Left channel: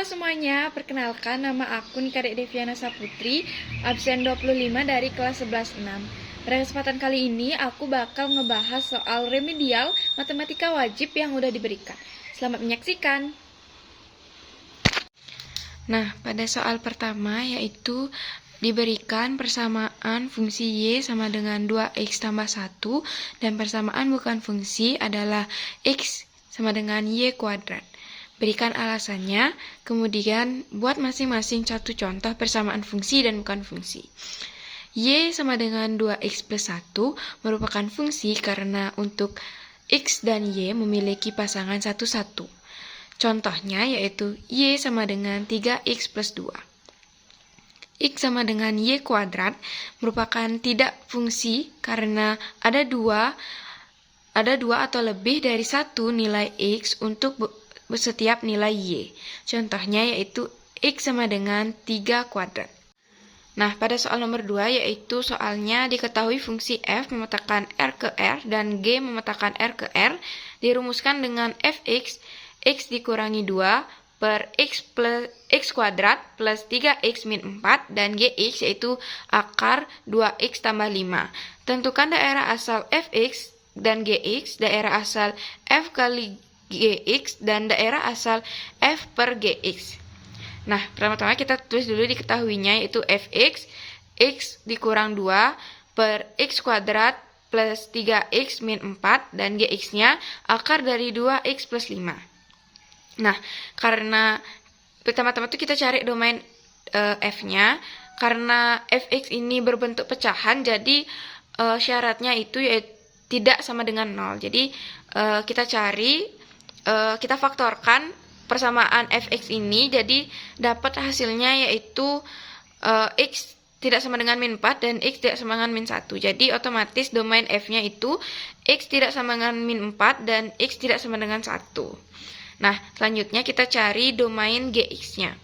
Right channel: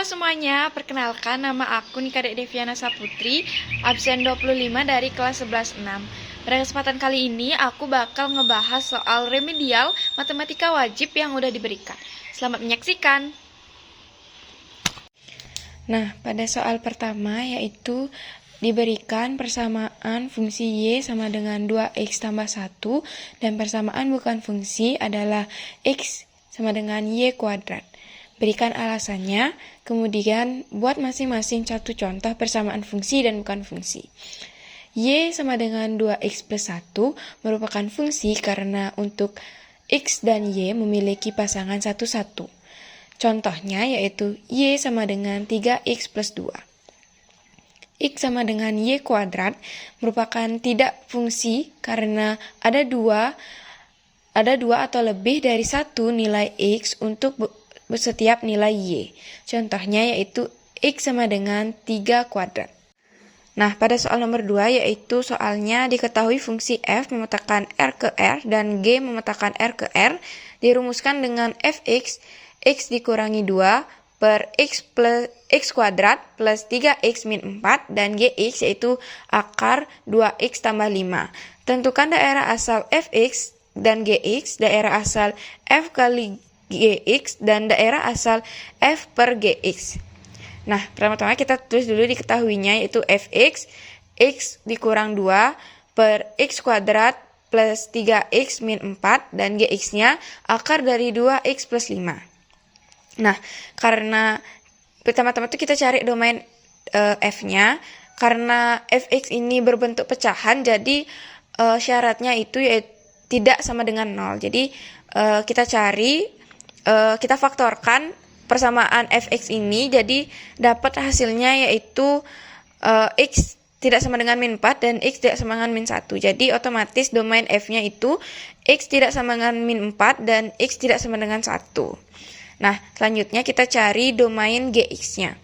Halo semuanya, perkenalkan nama aku Nikadek Deviana Saputri, absen 25 dari kelas 11-6. Pada kesempatan kali ini aku bakal ngebahas soal remedial matematika wajib yang udah diberikan. Selamat menyaksikan. Nah, pada soal pertama yaitu diberikan persamaan fungsi Y sama dengan 2X tambah 1 dan persamaan bukan fungsi adalah X sama dengan Y kuadrat. Berikan alasannya, kemudian buat masing-masing satu contoh persamaan fungsi dan bukan fungsi. Y sama dengan 2X plus 1 merupakan fungsi karena untuk X dan Y memiliki pasangan 1-1. Contohnya yaitu Y sama dengan 3X plus 2. X sama dengan Y kuadrat merupakan tidak fungsi karena ada dua atau lebih dari satu nilai X untuk setiap nilai Y. Contohnya yaitu X sama dengan 3 kuadrat. Nah, pada soal nomor 2 yaitu soalnya diketahui fungsi F memetakan R ke R dan G memetakan R ke R dirumuskan dengan Fx, X dikurangi 2 per X plus X kuadrat plus 3X min 4 dan Gx yaitu akar 2X tambah 5. Tentukan daerah asal Fx dan Gx, daerah asal F kali Gx dan daerah asal F per Gx. Nah, pertama-tama kita tulis dulu diketahuinya yaitu Fx, X dikurang 2 per X kuadrat plus 3X min 4 dan Gx-nya akar dari 2X plus 5. Nah, karena pertama-tama itu kita cari domain F-nya, karena Fx ini berbentuk pecahan jadi syaratnya itu yaitu tidak sama dengan 0. Jadi kita faktorkan persamaan Fx ini, jadi dapat hasilnya yaitu X tidak sama dengan min 4 dan X tidak sama dengan min 1. Jadi otomatis domain F-nya itu X tidak sama dengan min 4 dan X tidak sama dengan 1. Nah, selanjutnya kita cari domain Gx-nya.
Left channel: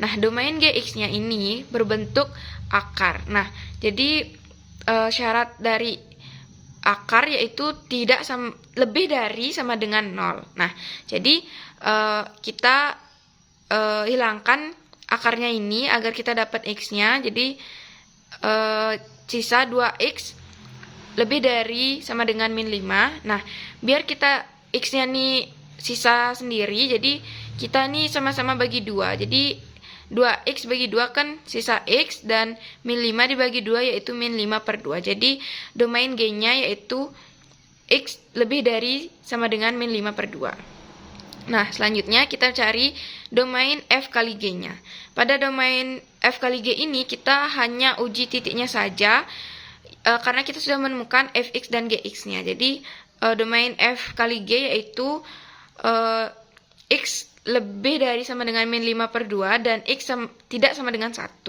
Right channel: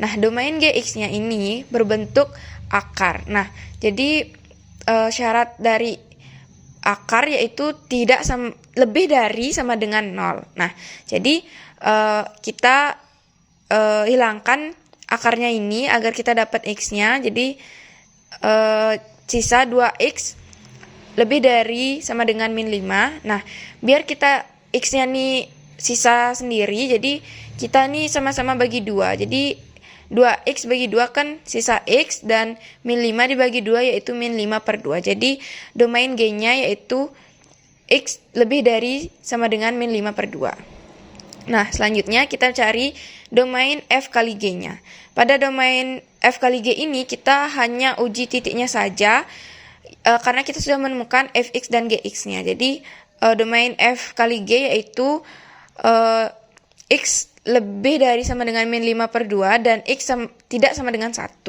Nah, domain Gx-nya ini berbentuk akar. Nah, jadi syarat dari akar yaitu tidak lebih dari sama dengan 0. Nah, jadi kita hilangkan akarnya ini agar kita dapat X-nya. Jadi sisa 2X lebih dari sama dengan min 5. Nah, biar kita X-nya nih sisa sendiri, jadi kita nih sama-sama bagi 2. Jadi 2X bagi 2 kan sisa X dan min 5 dibagi 2 yaitu min 5 per 2. Jadi domain G-nya yaitu X lebih dari sama dengan min 5 per 2. Nah, selanjutnya kita cari domain F kali G-nya. Pada domain F kali G ini kita hanya uji titiknya saja karena kita sudah menemukan Fx dan Gx-nya. Jadi domain F kali G yaitu X lebih dari sama dengan min 5 per 2 dan X tidak sama dengan 1.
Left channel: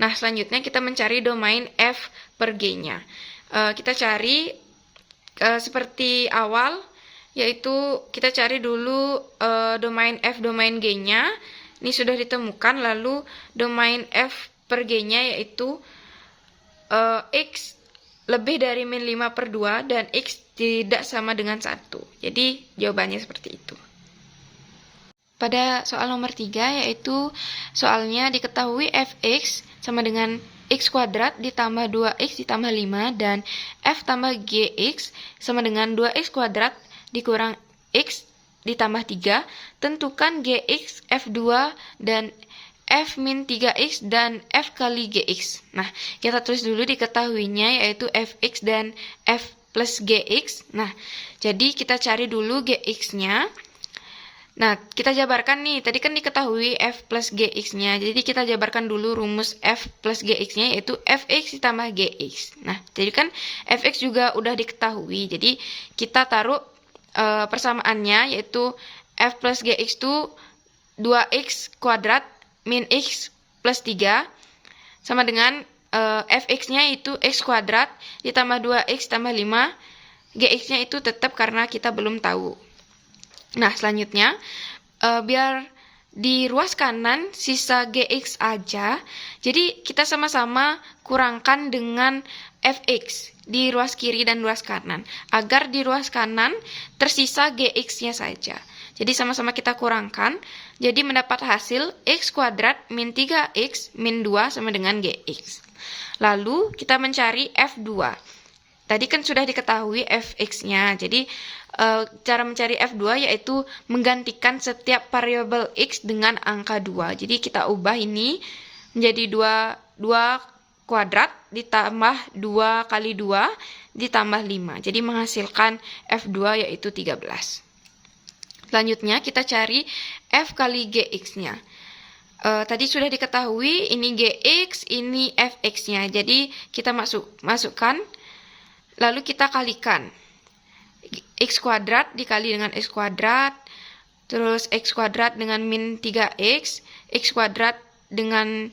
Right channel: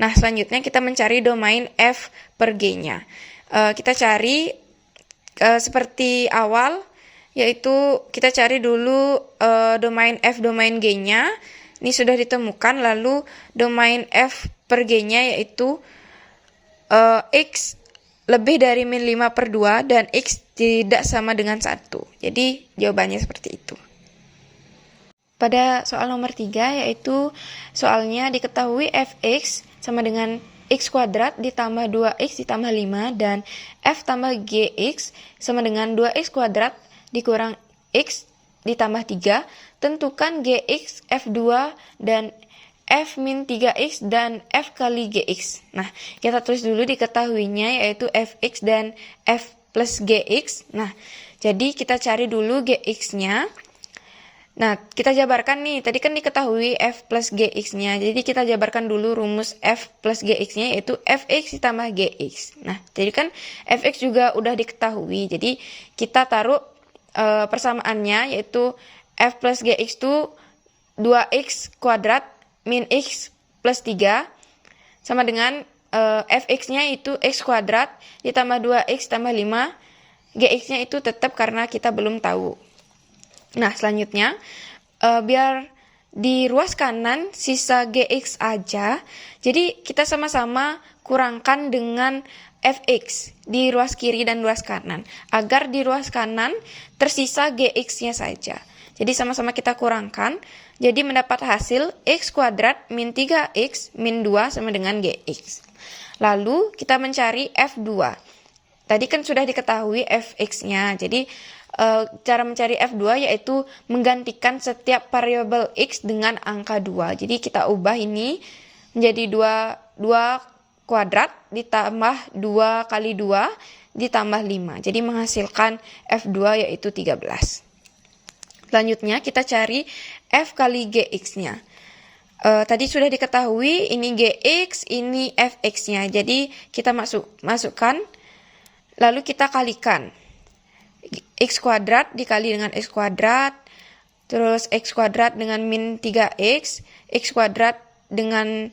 Nah, selanjutnya kita mencari domain F per G-nya. Kita cari seperti awal, yaitu kita cari dulu domain F domain G-nya. Ini sudah ditemukan, lalu domain F per G-nya yaitu X lebih dari min 5 per 2 dan X tidak sama dengan 1. Jadi jawabannya seperti itu. Pada soal nomor 3 yaitu soalnya diketahui Fx sama dengan X kuadrat ditambah 2X ditambah 5 dan F tambah Gx sama dengan 2X kuadrat dikurang X ditambah 3. Tentukan Gx, F2 dan F min 3X dan F kali Gx. Nah, kita tulis dulu diketahuinya yaitu Fx dan F plus Gx. Nah, jadi kita cari dulu Gx-nya. Nah, kita jabarkan nih, tadi kan diketahui F plus Gx-nya. Jadi kita jabarkan dulu rumus F plus Gx-nya yaitu Fx ditambah Gx. Nah, jadi kan Fx juga udah diketahui. Jadi kita taruh persamaannya yaitu F plus Gx itu 2X kuadrat min X plus 3 sama dengan Fx-nya itu X kuadrat ditambah 2X tambah 5. Gx-nya itu tetap karena kita belum tahu. Nah, selanjutnya biar di ruas kanan sisa Gx aja, jadi kita sama-sama kurangkan dengan Fx di ruas kiri dan ruas kanan, agar di ruas kanan tersisa Gx-nya saja. Jadi sama-sama kita kurangkan. Jadi mendapat hasil X kuadrat min 3X min 2 sama dengan GX. Lalu kita mencari F2. Tadi kan sudah diketahui Fx-nya. Jadi cara mencari F2 yaitu menggantikan setiap variabel X dengan angka 2. Jadi kita ubah ini menjadi 2 kuadrat ditambah 2 kali 2 ditambah 5. Jadi menghasilkan F2 yaitu 13. Selanjutnya kita cari F kali GX-nya. Tadi sudah diketahui ini GX, ini Fx-nya. Jadi kita masukkan, lalu kita kalikan. X kuadrat dikali dengan X kuadrat, terus X kuadrat dengan min 3X, X kuadrat dengan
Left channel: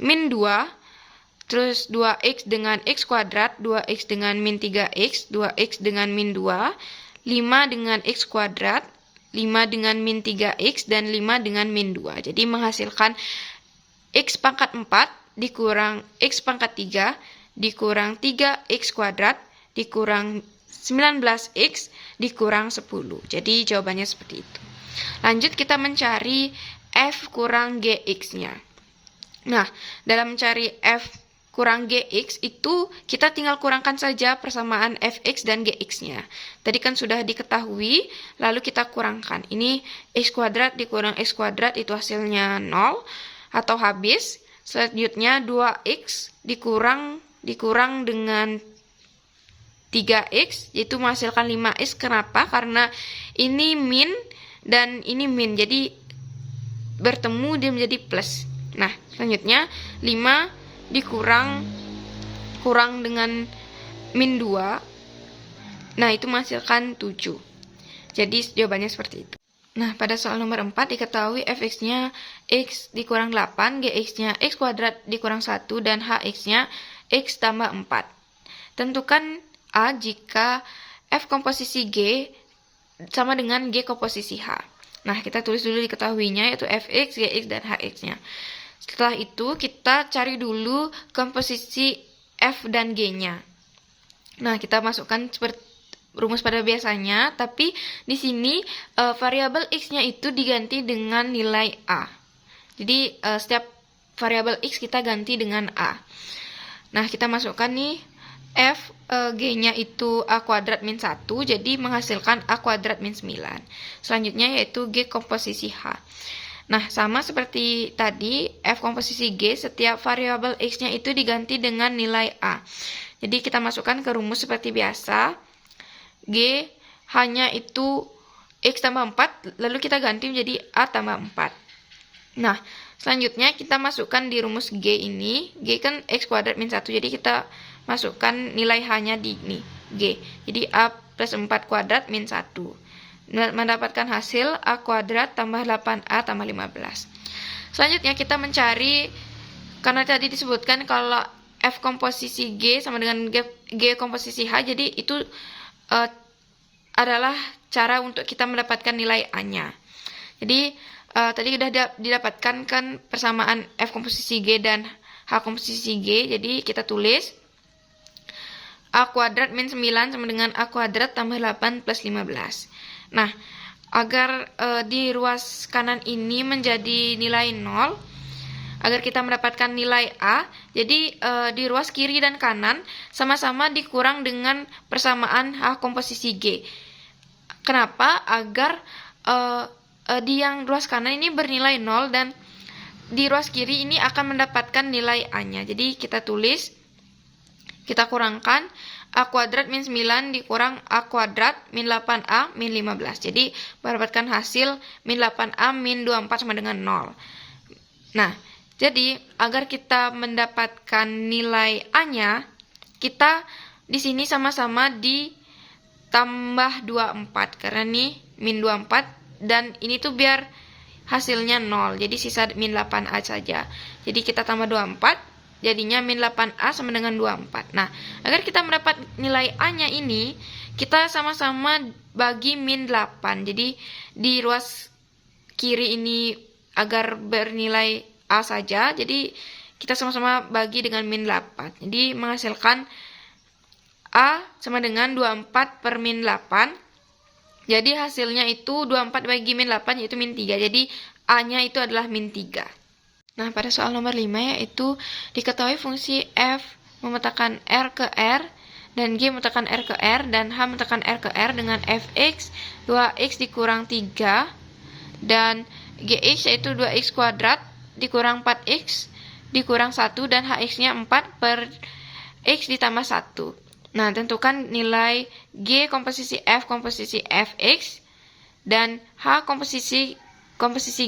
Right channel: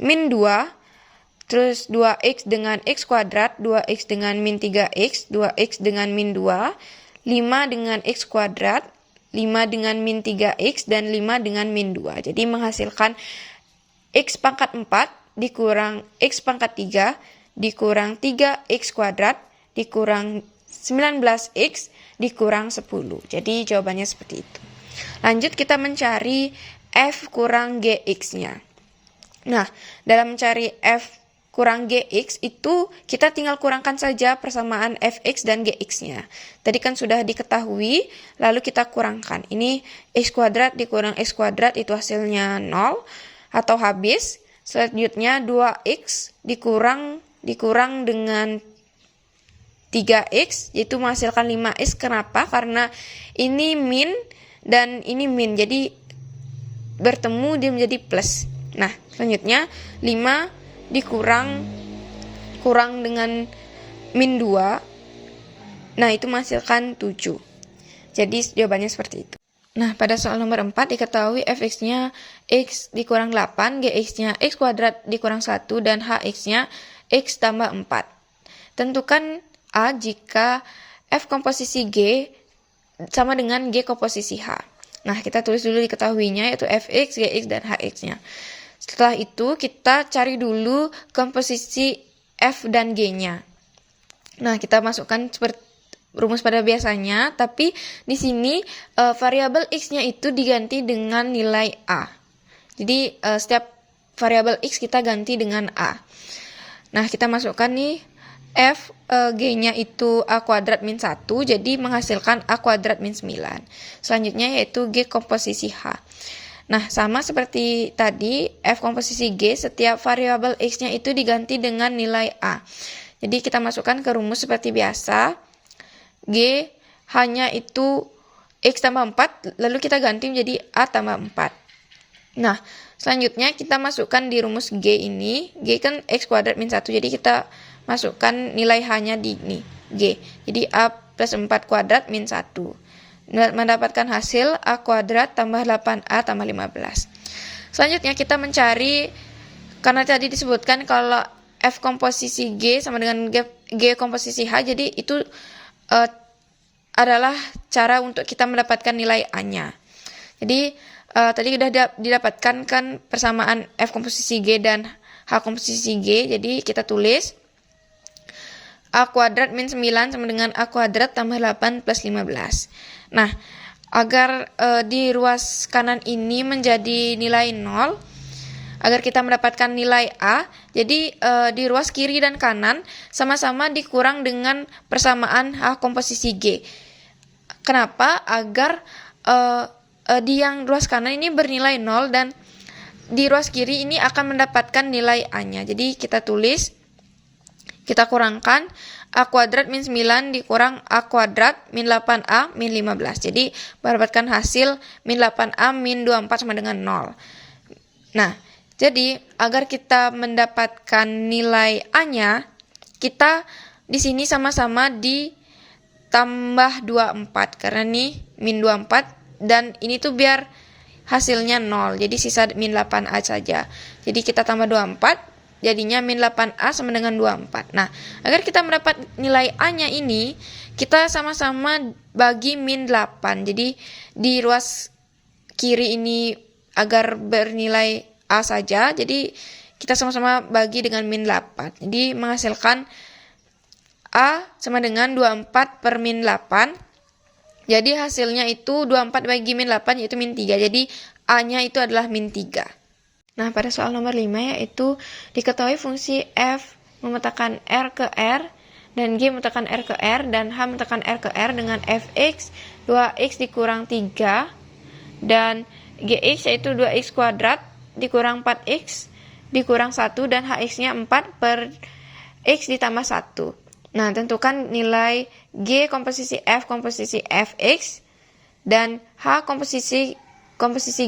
min 2, terus 2X dengan X kuadrat, 2X dengan min 3X, 2X dengan min 2, 5 dengan X kuadrat, 5 dengan min 3X, dan 5 dengan min 2. Jadi menghasilkan X pangkat 4 dikurang X pangkat 3 dikurang 3X kuadrat dikurang 19X dikurang 10. Jadi jawabannya seperti itu. Lanjut kita mencari F kurang GX-nya. Nah, dalam mencari F kurang GX itu kita tinggal kurangkan saja persamaan Fx dan GX-nya. Tadi kan sudah diketahui, lalu kita kurangkan. Ini X kuadrat dikurang X kuadrat itu hasilnya 0 atau habis. Selanjutnya 2X dikurang dengan 3X, yaitu menghasilkan 5X. Kenapa? Karena ini min dan ini min, jadi bertemu dia menjadi plus. Nah, selanjutnya 5 dikurang dengan min 2. Nah, itu menghasilkan 7. Jadi jawabannya seperti itu. Nah, pada soal nomor 4 diketahui Fx-nya X dikurang 8, Gx-nya X kuadrat dikurang 1, dan Hx-nya X tambah 4. Tentukan A jika F komposisi G sama dengan G komposisi H. Nah, kita tulis dulu diketahuinya yaitu Fx, Gx, dan Hx-nya. Setelah itu kita cari dulu komposisi F dan G-nya. Nah, kita masukkan seperti rumus pada biasanya, tapi di sini variabel X-nya itu diganti dengan nilai A. Jadi setiap variabel X kita ganti dengan A. Nah, kita masukkan nih F G-nya itu A kuadrat min 1, jadi menghasilkan A kuadrat min 9. Selanjutnya yaitu G komposisi H. Nah, sama seperti tadi, F komposisi G, setiap variabel X-nya itu diganti dengan nilai A. Jadi kita masukkan ke rumus seperti biasa. G hanya itu X tambah 4, lalu kita ganti menjadi A tambah 4. Nah, selanjutnya kita masukkan di rumus G ini. G kan X kuadrat min 1, jadi kita masukkan nilai H-nya di ini, G. Jadi A plus 4 kuadrat min 1. Mendapatkan hasil A kuadrat tambah 8A tambah 15. Selanjutnya kita mencari, karena tadi disebutkan kalau F komposisi G sama dengan G komposisi H, jadi itu adalah cara untuk kita mendapatkan nilai A-nya. Jadi tadi sudah didapatkan kan persamaan F komposisi G dan H komposisi G, jadi kita tulis A kuadrat min 9 sama dengan A kuadrat tambah 8 plus 15. Nah, agar di ruas kanan ini menjadi nilai 0, agar kita mendapatkan nilai A, jadi di ruas kiri dan kanan sama-sama dikurang dengan persamaan H komposisi G. Kenapa? Agar di yang ruas kanan ini bernilai 0 dan di ruas kiri ini akan mendapatkan nilai A-nya. Jadi kita tulis, kita kurangkan A kuadrat min 9 dikurang A kuadrat min 8A min 15. Jadi mendapatkan hasil min 8A min 24 sama dengan 0. Nah, jadi agar kita mendapatkan nilai A-nya, kita di sini sama-sama ditambah 24. Karena nih min 24 dan ini tuh biar hasilnya 0. Jadi sisa min 8A saja. Jadi kita tambah 24. Jadinya min 8A sama dengan 24. Nah, agar kita mendapat nilai A-nya ini, kita sama-sama bagi min 8. Jadi, di ruas kiri ini agar bernilai A saja, jadi kita sama-sama bagi dengan min 8. Jadi, menghasilkan A sama dengan 24 per min 8. Jadi hasilnya itu 24 bagi min 8 yaitu min 3. Jadi A-nya itu adalah min 3. Nah, pada soal nomor 5 yaitu diketahui fungsi f memetakan R ke R dan G memetakan R ke R dan H memetakan R ke R dengan fx 2x dikurang 3 dan gx yaitu 2x kuadrat dikurang 4x dikurang 1 dan hx-nya 4 per x ditambah 1. Nah, tentukan nilai G komposisi F komposisi fx dan H komposisi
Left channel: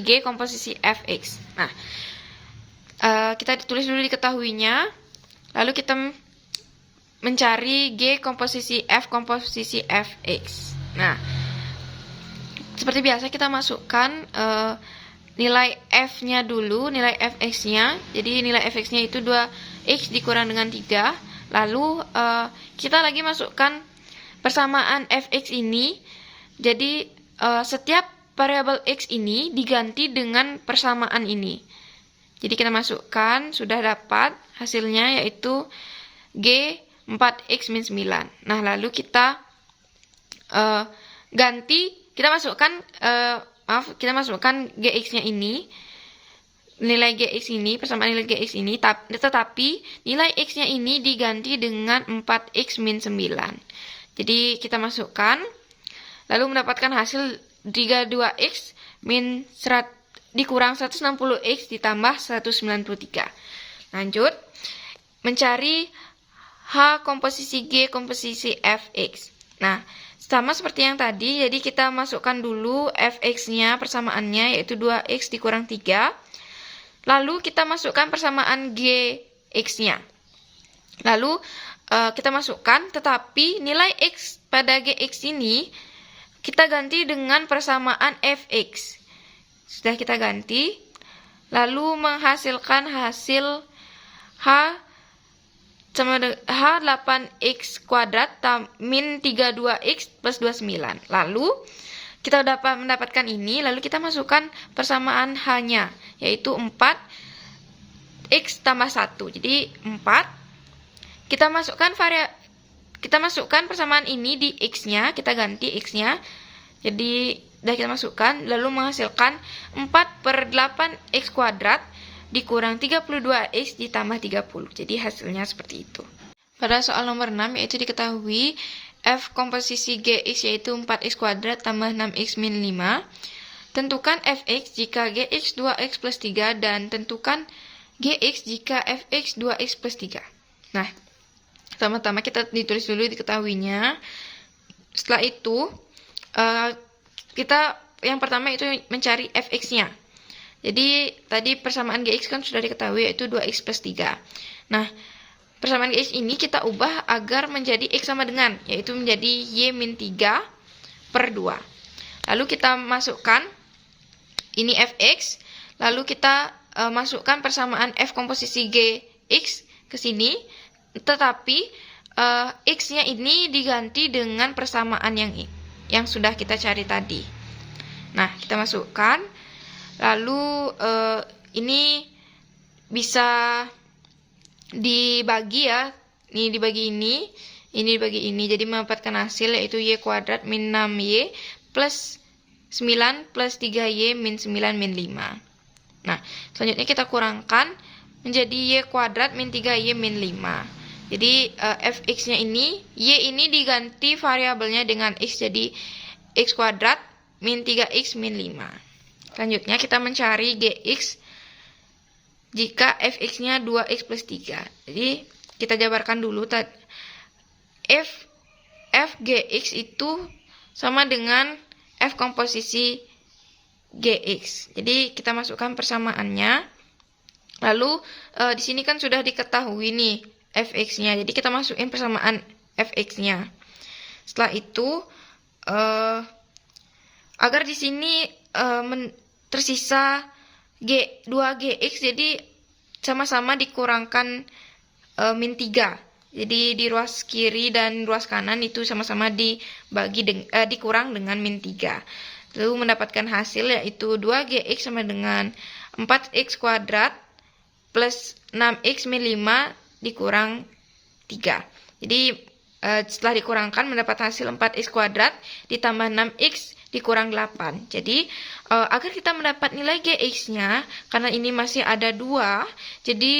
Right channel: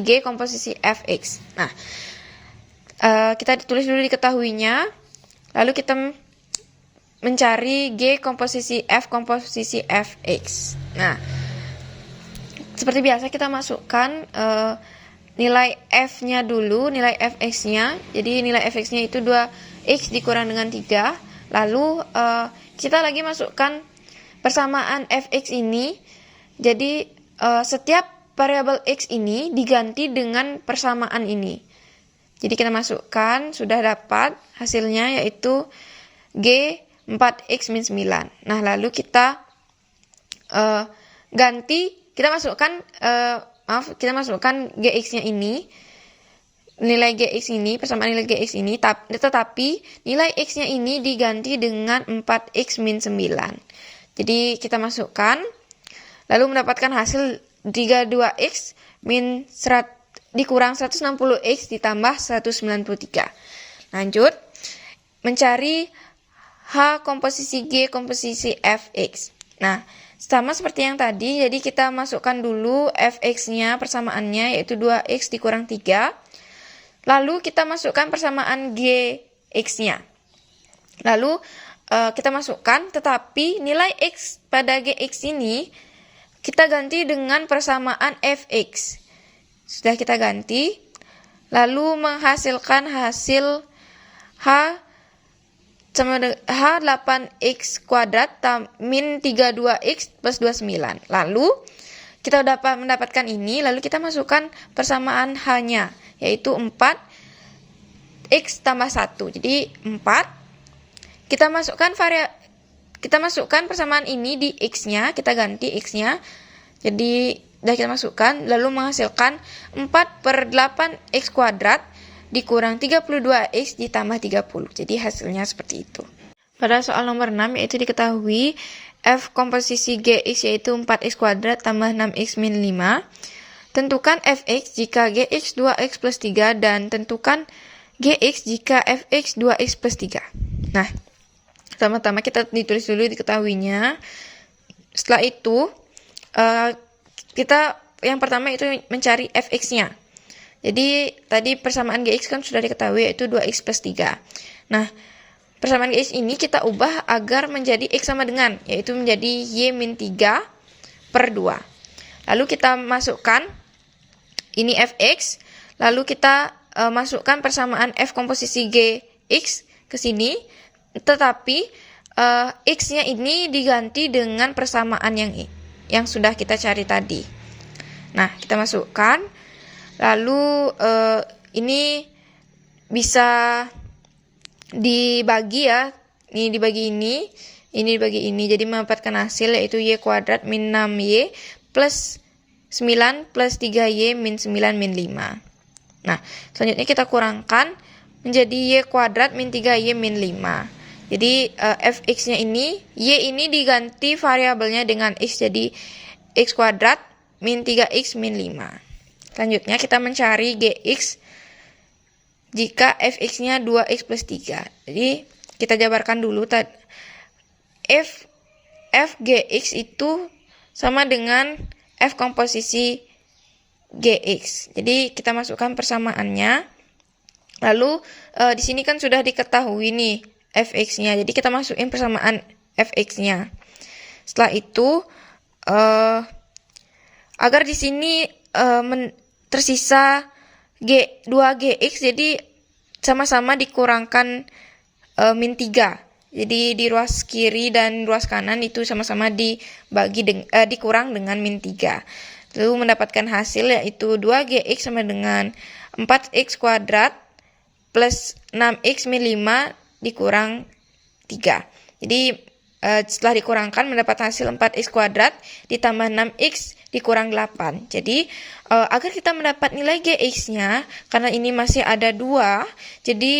G komposisi fx. Nah, kita tulis dulu diketahuinya, lalu kita mencari G komposisi F komposisi fx. Nah, seperti biasa kita masukkan nilai F-nya dulu, nilai fx-nya. Jadi nilai fx-nya itu 2x dikurang dengan 3. Lalu kita lagi masukkan persamaan fx ini. Jadi setiap variabel x ini diganti dengan persamaan ini. Jadi kita masukkan, sudah dapat hasilnya yaitu G 4x min 9. Nah, lalu kita kita masukkan gx-nya ini, nilai gx ini, persamaan nilai gx ini, tetapi nilai x-nya ini diganti dengan 4x min 9. Jadi kita masukkan, lalu mendapatkan hasil 32x min dikurang 160x ditambah 193. Lanjut, mencari H komposisi G komposisi fx. Nah, sama seperti yang tadi, jadi kita masukkan dulu fx-nya, persamaannya yaitu 2x dikurang 3. Lalu kita masukkan persamaan gx-nya. Lalu kita masukkan, tetapi nilai x pada gx ini kita ganti dengan persamaan fx. Sudah kita ganti, lalu menghasilkan hasil H 8x kuadrat min 32x plus 29. Lalu kita dapat mendapatkan ini, lalu kita masukkan persamaan H-nya, yaitu 4x tambah 1. Jadi 4. Kita masukkan persamaan ini di x-nya, kita ganti x-nya. Jadi sudah kita masukkan, lalu menghasilkan 4 per 8x kuadrat dikurang 32x ditambah 30. Jadi hasilnya seperti itu. Pada soal nomor 6 yaitu diketahui F komposisi Gx yaitu 4x kuadrat tambah 6x min 5. Tentukan Fx jika Gx 2x plus 3 dan tentukan Gx jika Fx 2x plus 3. Nah, pertama-tama kita ditulis dulu diketahuinya. Setelah itu, kita yang pertama itu mencari fx-nya. Jadi tadi persamaan gx kan sudah diketahui yaitu 2x plus 3. Nah, persamaan gx ini kita ubah agar menjadi x sama dengan, yaitu menjadi y min 3 per 2. Lalu kita masukkan ini fx, lalu kita masukkan persamaan f komposisi gx ke sini, tetapi x-nya ini diganti dengan persamaan yang sudah kita cari tadi. Nah, kita masukkan, lalu ini bisa dibagi ya, ini dibagi ini dibagi ini, jadi mendapatkan hasil yaitu y kuadrat min 6y plus 9 plus 3y min 9 min 5. Nah, selanjutnya kita kurangkan menjadi y kuadrat min 3y min 5. Jadi fx-nya ini, y ini diganti variabelnya dengan x, jadi x kuadrat min 3x min 5. Selanjutnya kita mencari gx jika fx-nya 2x plus 3. Jadi kita jabarkan dulu tadi. F gx itu sama dengan f komposisi gx. Jadi kita masukkan persamaannya. Lalu di sini kan sudah diketahui nih fx-nya. Jadi kita masukin persamaan fx-nya. Setelah itu agar di sini tersisa 2gx, jadi sama-sama dikurangkan min 3. Jadi di ruas kiri dan ruas kanan itu sama-sama dikurang dengan min 3. Lalu mendapatkan hasil yaitu 2gx sama dengan 4x kuadrat plus 6x min 5 dikurang 3. Jadi setelah dikurangkan mendapat hasil 4x kuadrat ditambah 6x dikurang 8. Jadi agar kita mendapat nilai gx-nya, karena ini masih ada 2, jadi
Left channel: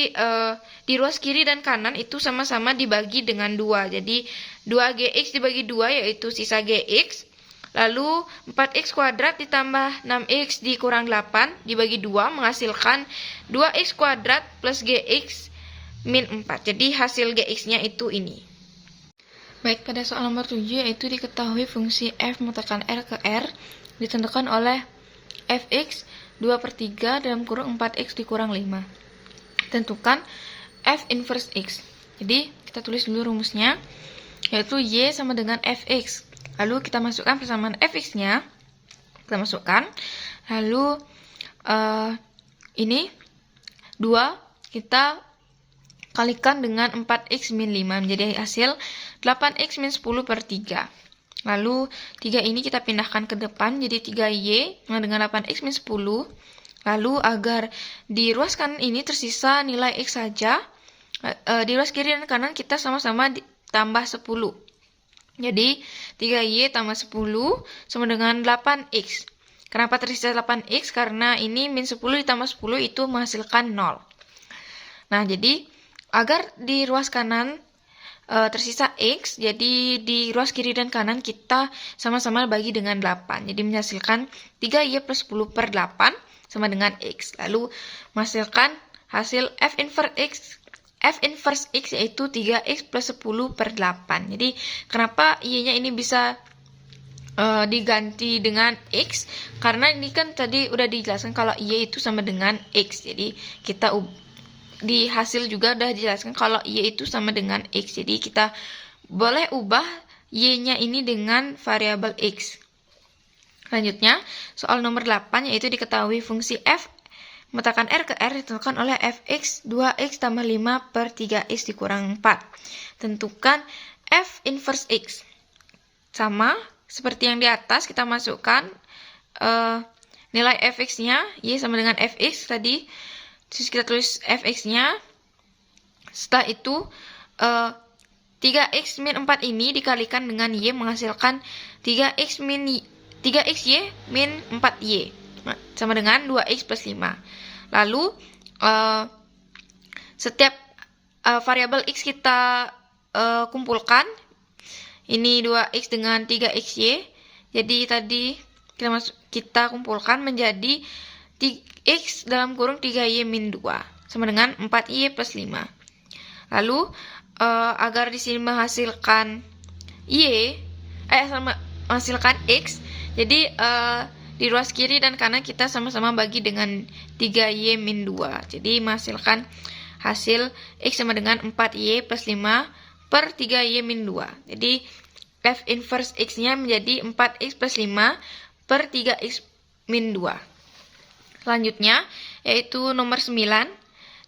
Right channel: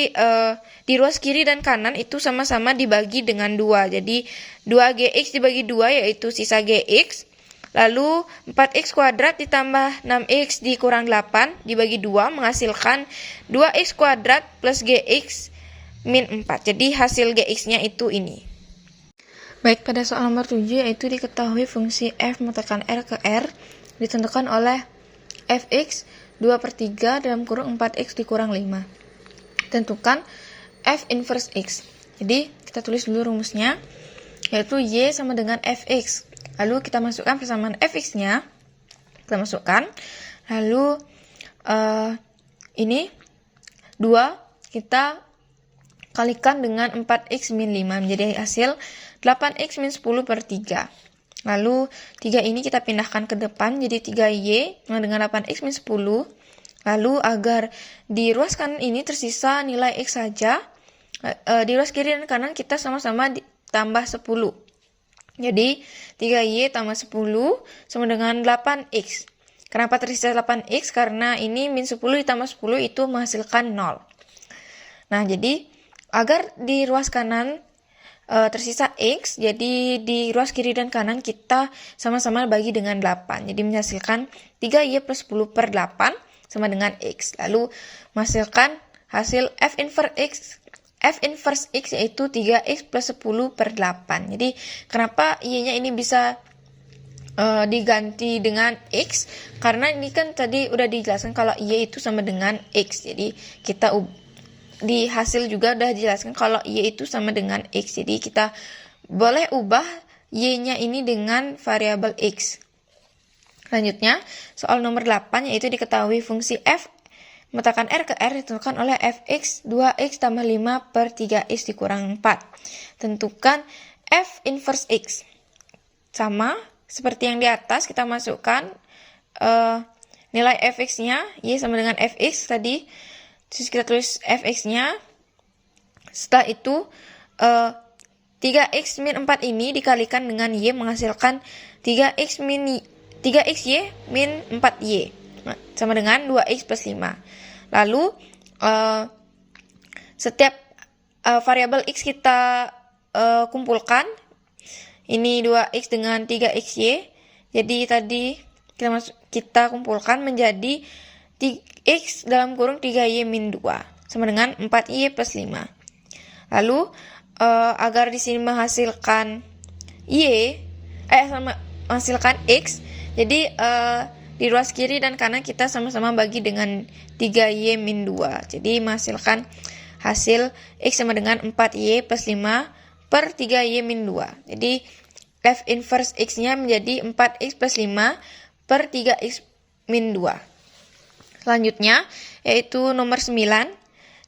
di ruas kiri dan kanan itu sama-sama dibagi dengan 2. Jadi 2gx dibagi 2 yaitu sisa gx. Lalu 4x kuadrat ditambah 6x dikurang 8 dibagi 2 menghasilkan 2x kuadrat plus gx min 4. Jadi hasil gx-nya itu ini. Baik, pada soal nomor 7 yaitu diketahui fungsi f menekan r ke r ditentukan oleh fx 2/3 dalam kurung 4x dikurang 5. Tentukan f inverse x. Jadi kita tulis dulu rumusnya, yaitu y sama dengan fx. Lalu kita masukkan persamaan fx-nya, kita masukkan. Lalu ini 2 kita kalikan dengan 4x min 5 menjadi hasil 8x min 10/3. Lalu 3 ini kita pindahkan ke depan jadi 3y dengan 8x min 10. Lalu agar di ruas kanan ini tersisa nilai x saja, di ruas kiri dan kanan kita sama-sama tambah 10. Jadi 3y tambah 10 sama dengan 8x. Kenapa tersisa 8x? Karena ini min 10 ditambah 10 itu menghasilkan 0. Nah, jadi agar di ruas kanan tersisa x, jadi di ruas kiri dan kanan kita sama-sama bagi dengan 8. Jadi menghasilkan 3y plus 10/8 sama dengan x. Lalu menghasilkan hasil f inverse x yaitu 3x plus 10/8. Jadi kenapa y-nya ini bisa diganti dengan x? Karena ini kan tadi udah dijelaskan kalau y itu sama dengan x. Jadi kita di hasil juga udah dijelaskan kalau y itu sama dengan x. Jadi kita boleh ubah y-nya ini dengan variabel x. Selanjutnya, soal nomor 8 yaitu diketahui fungsi f menekan r ke r ditentukan oleh fx 2x tambah 5/3x dikurang 4. Tentukan f inverse x. Sama seperti yang di atas, kita masukkan nilai fx-nya, y sama dengan fx tadi. Terus kita tulis fx-nya. Setelah itu 3x min 4 ini dikalikan dengan y menghasilkan 3xy min 4y sama dengan 2x plus 5. Lalu setiap variabel x kita kumpulkan. Ini 2x dengan 3xy. Jadi tadi kita kumpulkan menjadi x dalam kurung 3y min 2 sama dengan 4y plus 5. Lalu agar di sini menghasilkan menghasilkan x, jadi di ruas kiri dan kanan kita sama-sama bagi dengan 3y min 2. Jadi menghasilkan hasil x sama dengan 4y plus 5/3y min 2. Jadi f inverse x-nya menjadi 4x plus 5/3x min 2. Selanjutnya, yaitu nomor 9,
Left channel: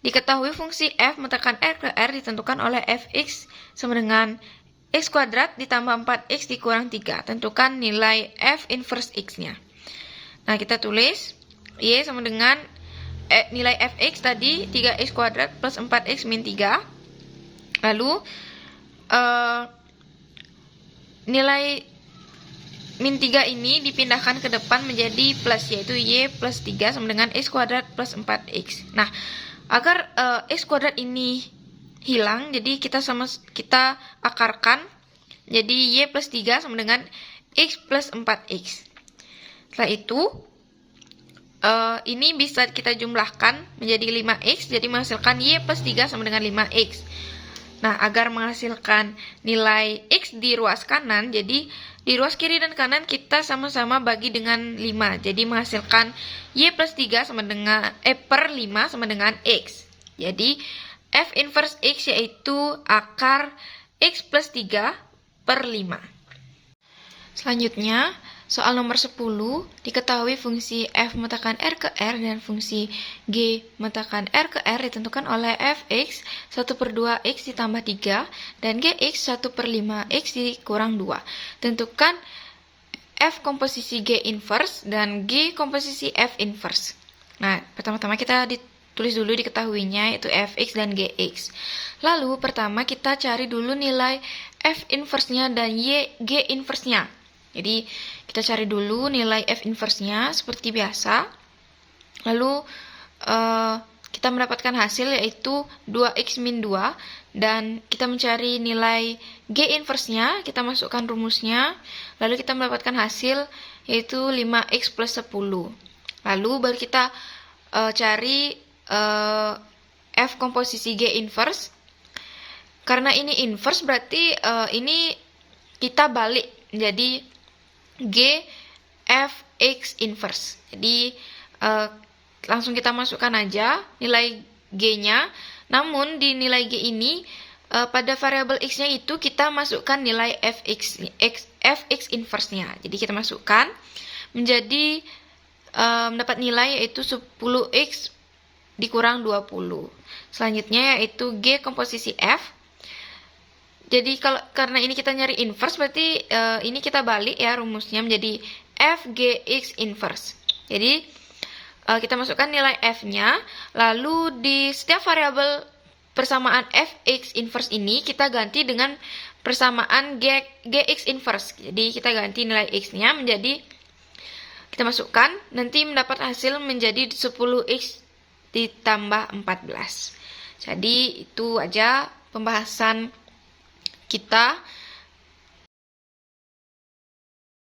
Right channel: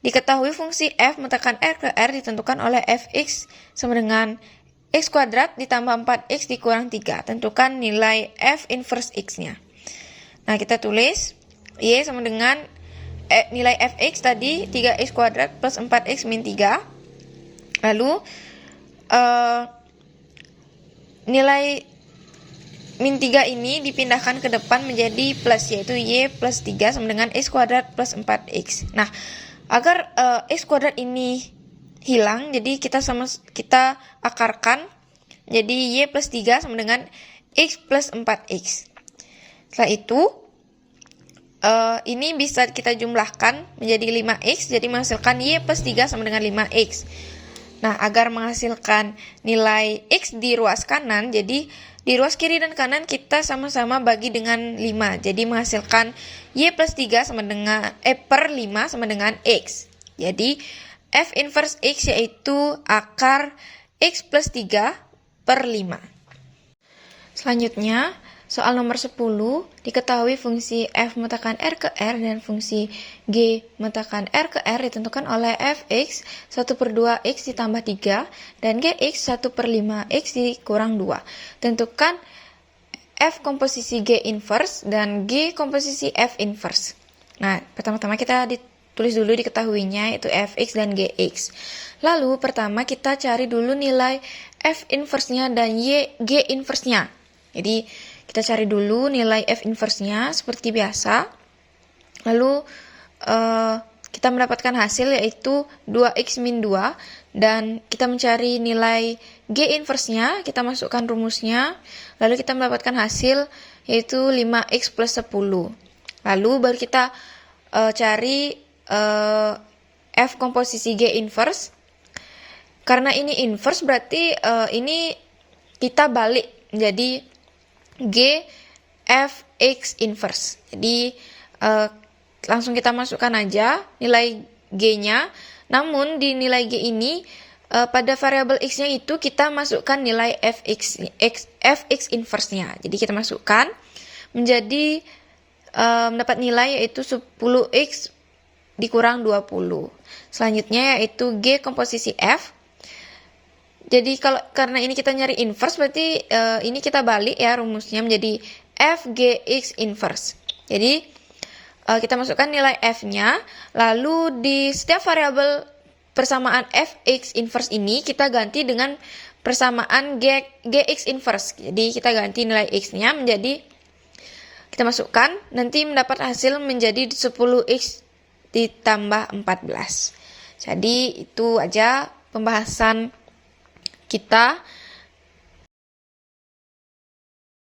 diketahui fungsi f menekan r ke r ditentukan oleh fx sama dengan x kuadrat ditambah 4x dikurang 3. Tentukan nilai f inverse x-nya. Nah, kita tulis y sama dengan nilai fx tadi 3x kuadrat plus 4x min 3. Lalu nilai min 3 ini dipindahkan ke depan menjadi plus, yaitu y plus 3 sama dengan x kuadrat plus 4x. Nah, agar x kuadrat ini hilang, jadi kita akarkan. Jadi y plus 3 sama dengan x plus 4x. Setelah itu, ini bisa kita jumlahkan menjadi 5x, jadi menghasilkan y plus 3 sama dengan 5x. Nah, agar menghasilkan nilai x di ruas kanan, jadi di ruas kiri dan kanan kita sama-sama bagi dengan 5. Jadi menghasilkan y plus 3 sama dengan per 5 sama dengan x. Jadi f inverse x yaitu akar x plus 3/5. Selanjutnya, soal nomor 10, diketahui fungsi f menekan r ke r dan fungsi g menekan r ke r ditentukan oleh fx 1/2x ditambah 3 dan gx 1/5x dikurang 2. Tentukan f komposisi g inverse dan g komposisi f inverse. Nah, pertama-tama kita ditulis dulu diketahuinya yaitu fx dan gx. Lalu pertama kita cari dulu nilai F inverse-nya dan G inverse-nya. Jadi kita cari dulu nilai F inverse-nya seperti biasa. Lalu kita mendapatkan hasil yaitu 2x min 2. Dan kita mencari nilai G inverse-nya, kita masukkan rumusnya. Lalu kita mendapatkan hasil yaitu 5x plus 10. Lalu baru kita cari F komposisi G inverse. Karena ini inverse berarti ini kita balik jadi G F X inverse. Jadi langsung kita masukkan aja nilai G-nya. Namun di nilai G ini pada variabel X-nya itu kita masukkan nilai Fx inverse-nya. Jadi kita masukkan menjadi mendapat nilai yaitu 10x dikurang 20. Selanjutnya yaitu G komposisi F. Jadi karena ini kita nyari inverse berarti ini kita balik ya rumusnya menjadi Fgx inverse. Jadi kita masukkan nilai F-nya, lalu di setiap variabel persamaan Fx inverse ini kita ganti dengan persamaan Gx inverse. Jadi kita ganti nilai X-nya menjadi, kita masukkan, nanti mendapat hasil menjadi 10x ditambah 14. Jadi itu aja pembahasan kita